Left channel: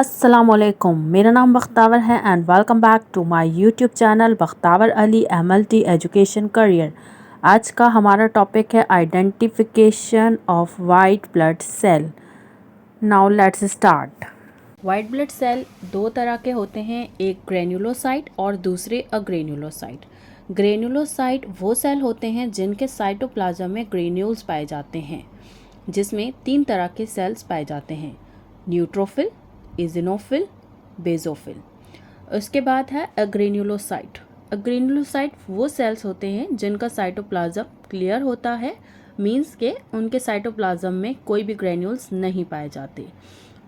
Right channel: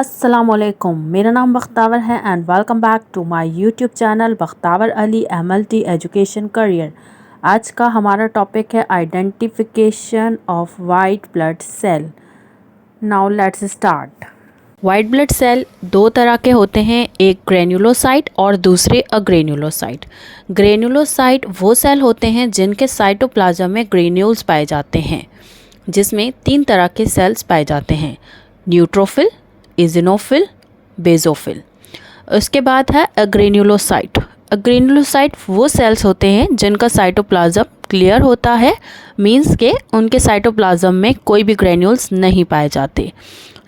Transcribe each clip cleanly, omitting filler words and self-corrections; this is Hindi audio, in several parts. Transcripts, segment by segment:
अस्सलामुअलैकुम, मेरा नाम बख्तावर है and welcome back to my YouTube channel Bakhtawar Ali MLT education career. आज का हमारा टॉपिक है identification of white blood cell. Now let's start. White blood cell दो तरह के होते हैं, एक ग्रेन्युलोसाइट और दूसरे अग्रेन्युलोसाइट। ग्रेन्युलोसाइट वो सेल होते हैं जिनके साइटोप्लाज्म में ग्रेन्यूल्स पाए जाते हैं, जिसमें तीन तरह के सेल्स पाए जाते हैं, न्यूट्रोफिल, इजिनोफिल, बेजोफिल। उसके बाद है अग्रेन्युलोसाइट। अग्रेन्युलोसाइट वो सेल्स होते हैं जिनका साइटोप्लाज्म क्लियर होता है, मींस के उनके साइटोप्लाज्म में कोई भी ग्रेन्यूल्स नहीं पाए जाते।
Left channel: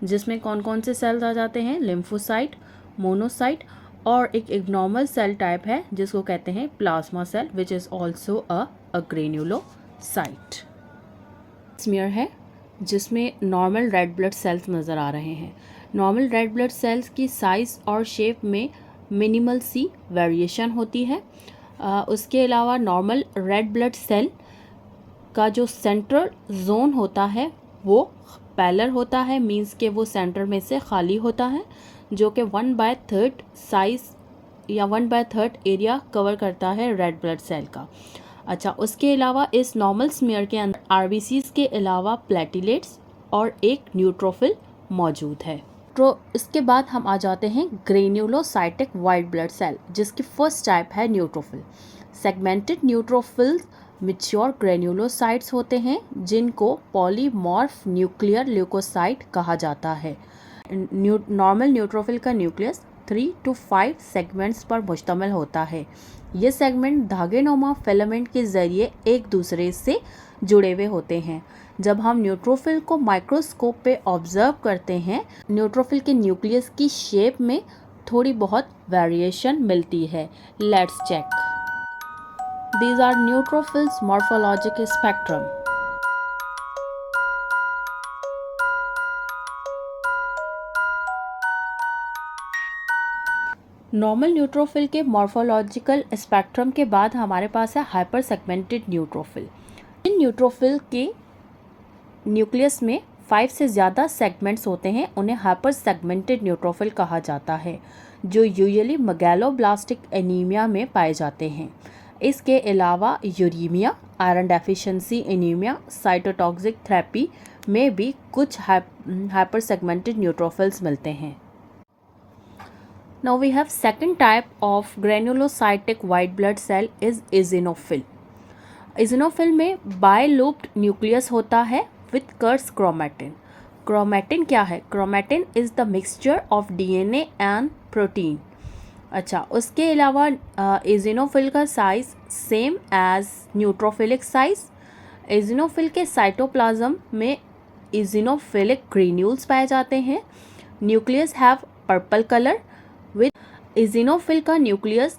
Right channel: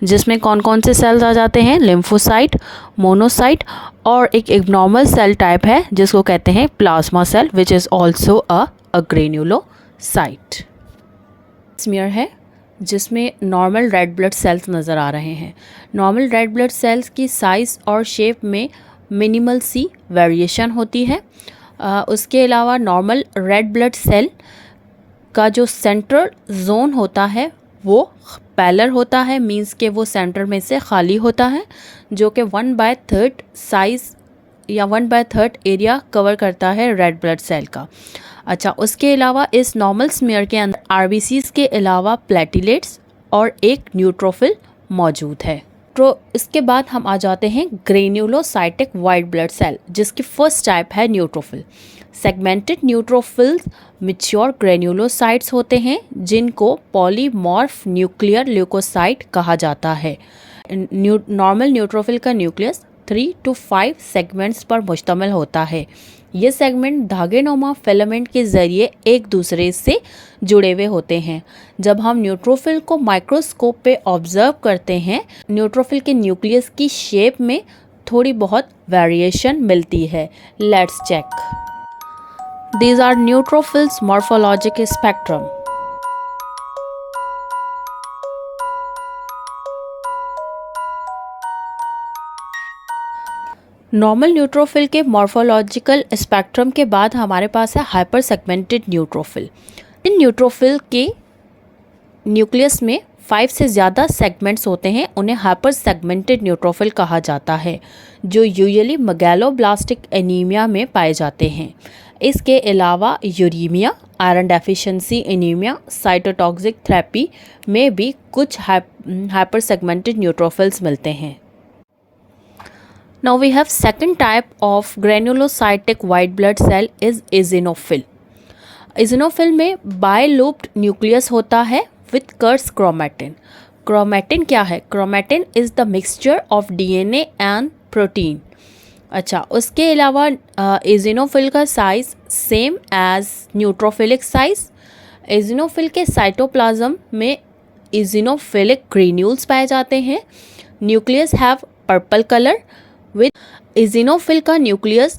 जिसमें कौन कौन से सेल्स आ जाते हैं, लिम्फोसाइट, मोनोसाइट और एक एब्नॉर्मल सेल टाइप है जिसको कहते हैं plasma cell, which is also a granulocyte. Smear है जिसमें नॉर्मल रेड ब्लड सेल्स नज़र आ रहे हैं। नॉर्मल रेड ब्लड सेल्स की साइज़ और शेप में मिनिमल सी वेरिएशन होती है। उसके अलावा नॉर्मल रेड ब्लड सेल का जो सेंट्रल जोन होता है वो पैलर होता है, मींस के वो सेंटर में से खाली होता है, जो कि 1/3 साइज़ या 1/3 एरिया कवर करता है रेड ब्लड सेल का। अच्छा, उसके अलावा इस नॉर्मल स्मीयर के अंदर आरबीसीज के अलावा प्लेटिलेट्स और एक न्यूट्रोफिल मौजूद है। तो इसके बाद हम आ जाते हैं ग्रेन्युलोसाइटिक वाइट ब्लड सेल, जिसकी फर्स्ट टाइप है neutrophil. Segmented neutrophils mature granulocytes होते हैं जिनको पॉलीमॉर्फ न्यूक्लियर ल्यूकोसाइट कहा जाता है। नॉर्मल न्यूट्रोफिल का न्यूक्लियस 3 to 5 सेगमेंट्स पर मुश्तमिल होता है। ये सेगमेंट धागेनुमा फिलामेंट के ज़रिए एक दूसरे से जुड़े हुए होते हैं। जब हम न्यूट्रोफिल को माइक्रोस्कोप पे ऑब्जर्व करते हैं, न्यूट्रोफिल के न्यूक्लियस की शेप में थोड़ी बहुत वेरिएशन मिलती है। Let's check. These are neutrophils morphologic spectrum. Normal neutrophil के मॉर्फोलॉजिकल स्पेक्ट्रम के बाद हमारे पास है हाइपर सेगमेंटेड न्यूट्रोफिल। इन न्यूट्रोफिल के न्यूक्लियस में 5 से ज़्यादा सेगमेंट्स होते हैं, उन्हें हाइपर सेगमेंटेड न्यूट्रोफिल कहा जाता है, जो यूजुअली मेगालोब्लास्टिक एनीमिया में पाए जाते हैं। इसके अलावा uraemia, iron deficiency anaemia, cytotoxic therapy में भी कुछ हाइपर सेगमेंटेड न्यूट्रोफिल्स मिलते हैं। Now we have second type of granulocytic white blood cell is eosinophil. eosinophil में बायलूप्ड न्यूक्लियस होता है with कर्स क्रोमेटिन। क्रोमेटिन क्या है? Chromatin is the mixture of DNA and protein. अच्छा, उसके अलावा eosinophil का size same as neutrophilic size. eosinophil के साइटोप्लाज्म में eosinophilic ग्रेन्यूल्स पाए जाते हैं। Nucleus have purple colour with eosinophil का न्यूक्लियस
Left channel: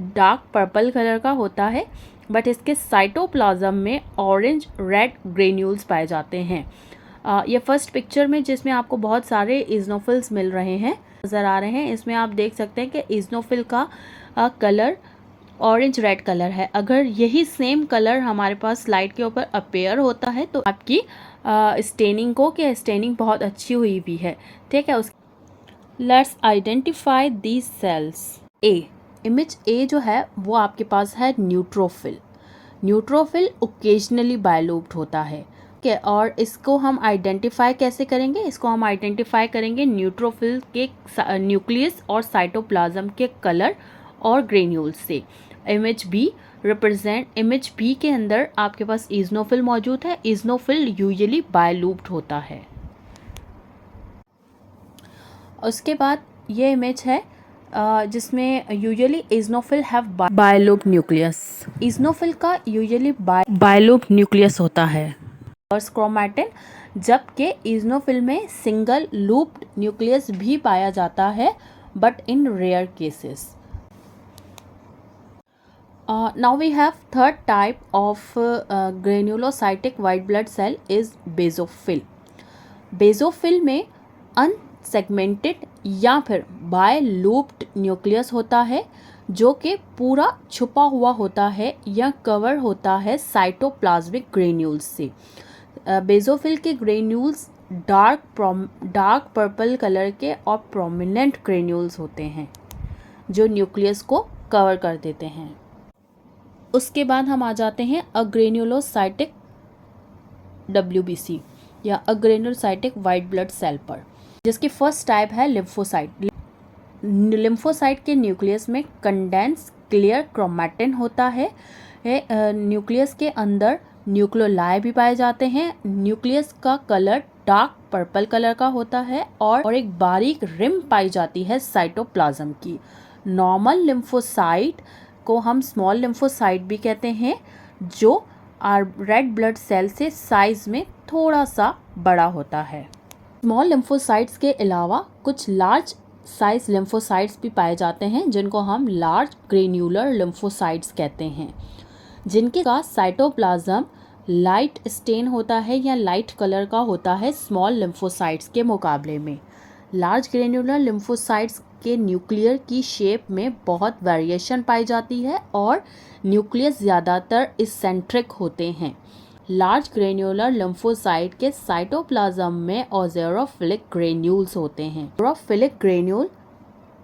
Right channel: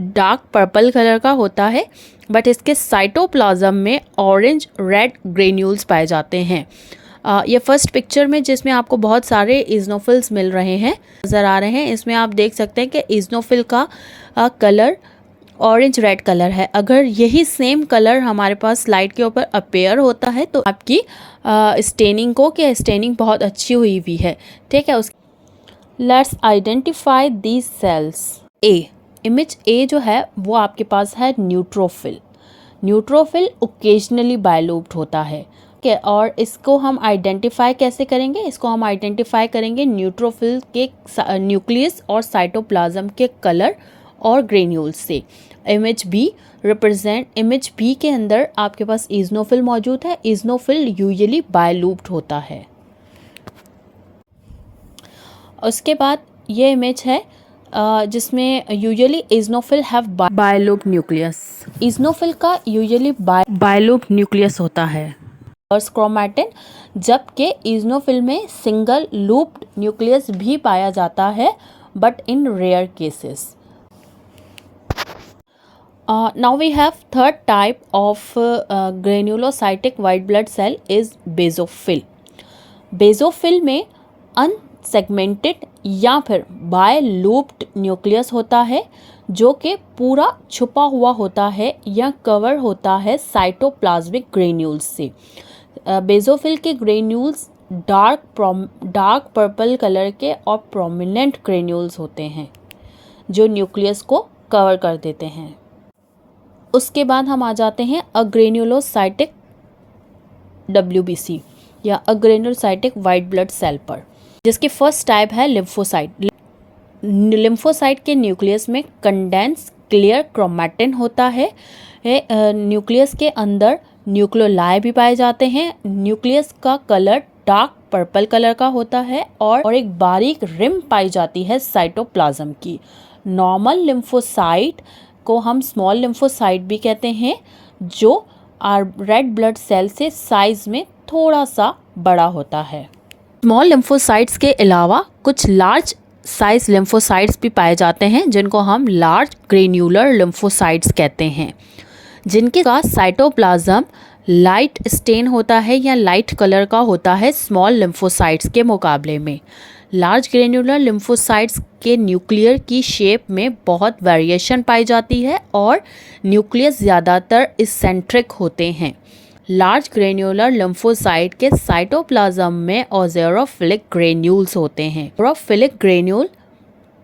डार्क पर्पल कलर का होता है, बट इसके साइटोप्लाज्म में ऑरेंज रेड ग्रेन्यूल्स पाए जाते हैं। ये फर्स्ट पिक्चर में जिसमें आपको बहुत सारे eosinophils मिल रहे हैं नज़र आ रहे हैं, इसमें आप देख सकते हैं कि eosinophil का कलर ऑरेंज रेड कलर है। अगर यही सेम कलर हमारे पास स्लाइड के ऊपर अपेयर होता है तो आपकी स्टेनिंग बहुत अच्छी हुई हुई है, ठीक है। Let's identify these cells. Image A जो है वो आपके पास है न्यूट्रोफिल। न्यूट्रोफिल ओकेजनली बायलूप्ड होता है, ठीक है। और इसको हम आइडेंटिफाई कैसे करेंगे? इसको हम आइडेंटिफाई करेंगे न्यूट्रोफिल के न्यूक्लियस और साइटोप्लाज्म के कलर और ग्रेन्यूल्स से। इमेज बी के अंदर आपके पास eosinophil मौजूद है। eosinophil यूजुअली बायलूप्ड होता है। उसके बाद ये इमेज है जिसमें usually eosinophil have bilobed nucleus. eosinophil का यूजुअली बायलूप्ड न्यूक्लियस होता है और क्रोमेटिन, जबकि eosinophil में सिंगल लूप्ड न्यूक्लियस भी पाया जाता है, but in rare cases. Now we have third type of granulocytic white blood cell is basophil. Basophil में अनसेगमेंटेड या फिर बायलूप्ड न्यूक्लियस होता है, जो कि पूरा छुपा हुआ होता है या कवर होता है साइटोप्लाज्मिक ग्रेन्यूल्स से। बेसोफिल के ग्रेन्यूल्स डार्क पर्पल कलर के और प्रोमिनेंट ग्रेन्यूल्स होते हैं जो न्यूक्लियस को कवर कर देते हैं। उसके बाद हम आ जाते हैं अग्रेन्युलोसाइटिक WBC या अग्रेन्युलोसाइटिक वाइट ब्लड सेल पर, जिसकी फर्स्ट टाइप है लिम्फोसाइट। लिम्फोसाइट के न्यूक्लियस में कंडेंस क्लियर क्रोमैटिन होता है। न्यूक्लियस के अंदर न्यूक्लियोलाई भी पाए जाते हैं। न्यूक्लियस का कलर डार्क पर्पल कलर का होता है और एक बारीक रिम पाई जाती है साइटोप्लाज्म की। नॉर्मल लिम्फोसाइट को हम स्मॉल लिम्फोसाइट भी कहते हैं, जो रेड ब्लड सेल से साइज में थोड़ा सा बड़ा होता है। स्मॉल लिम्फोसाइट्स के अलावा कुछ लार्ज साइज लिम्फोसाइट्स भी पाए जाते हैं, जिनको हम लार्ज ग्रेन्यूलर लिम्फोसाइट्स कहते हैं, जिनके का साइटोप्लाज्म लाइट स्टेन होता है या लाइट कलर का होता है स्मॉल लिम्फोसाइट्स के मुकाबले में। लार्ज ग्रेन्यूलर लिम्फोसाइट्स के न्यूक्लियर की शेप में बहुत वेरिएशन पाई जाती है और न्यूक्लियस ज़्यादातर इसेंट्रिक होते हैं। लार्ज ग्रेन्यूलर लिम्फोसाइट के साइटोप्लाज्म में ऑज़ेरोफिलिक ग्रेन्यूल्स होते हैं। ऑज़ेरोफिलिक ग्रेन्यूल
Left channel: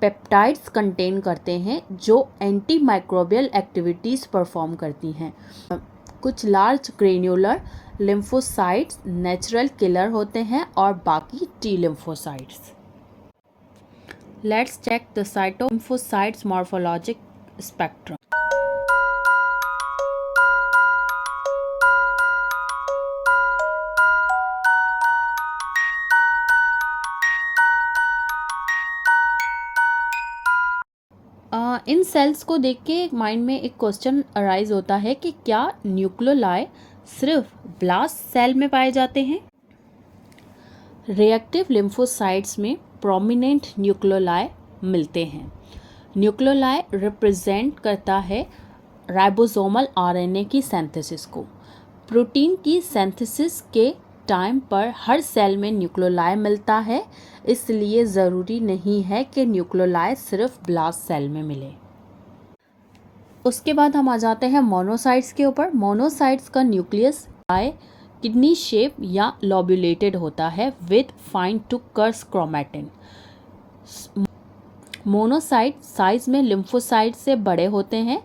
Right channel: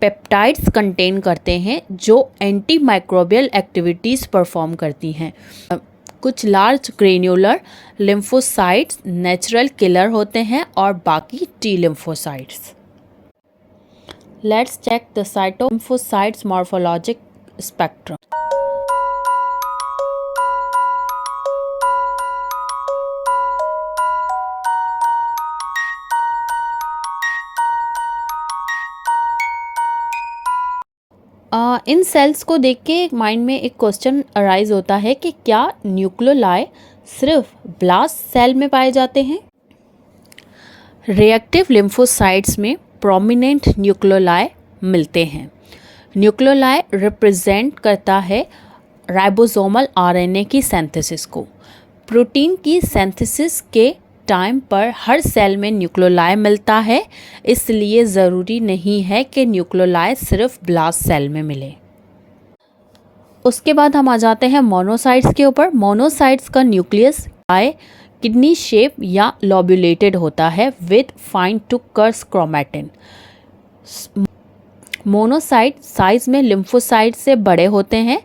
पेप्टाइड्स कंटेन करते हैं जो एंटी माइक्रोबियल एक्टिविटीज़ परफॉर्म करती हैं। कुछ large granular lymphocytes natural killer होते हैं और बाकी T lymphocytes. Let's check the cytolymphocytes morphologic spectrum. इन सेल्स को देख के माइंड में एक क्वेश्चन अराइज होता है कि क्या न्यूक्लियोलाई सिर्फ ब्लास्ट सेल में पाए जाते हैं? रिएक्टिव लिम्फोसाइट्स में प्रोमिनेंट न्यूक्लियोलाई मिलते हैं। न्यूक्लियोलाई रिप्रेजेंट करता है राइबोसोमल RNA की सिंथेसिस को। प्रोटीन की सिंथेसिस के टाइम पर हर सेल में न्यूक्लियोलाई मिलता है, इसलिए ज़रूरी नहीं है कि न्यूक्लियोलाई सिर्फ ब्लास्ट सेल में मिले। उसके बाद हम आ जाते हैं मोनोसाइट्स के ऊपर। मोनोसाइट्स का न्यूक्लियस किडनी शेप या लॉब्यूलेटेड होता है with fine to coarse chromatin. Monocyte size में लिम्फोसाइट से बड़े होते हैं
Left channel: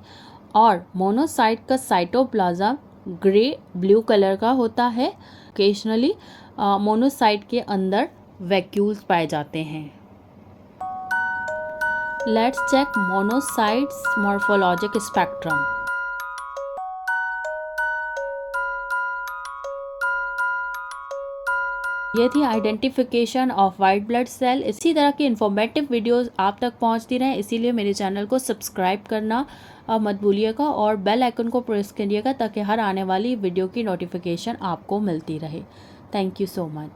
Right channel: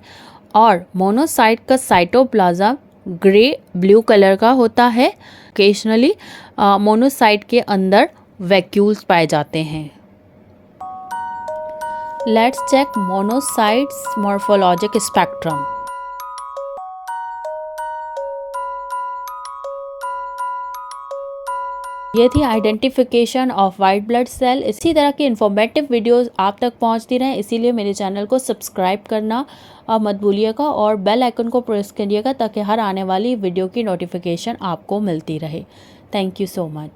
और मोनोसाइट का साइटोप्लाज्म ग्रे ब्लू कलर का होता है। ओकेजनली मोनोसाइट के अंदर वैक्यूल्स पाए जाते हैं। Let's check monocytes morphologic spectrum. ये थी identification of white blood cell. इसी तरह की इन्फॉर्मेटिव वीडियोस आप तक पहुंचती रहें, इसीलिए मेरे चैनल को सब्सक्राइब करना मत भूलिएगा और बेल आइकन को प्रेस करिएगा ताकि हर आने वाली वीडियो की नोटिफिकेशन आपको मिलती रहे। Thank you so much.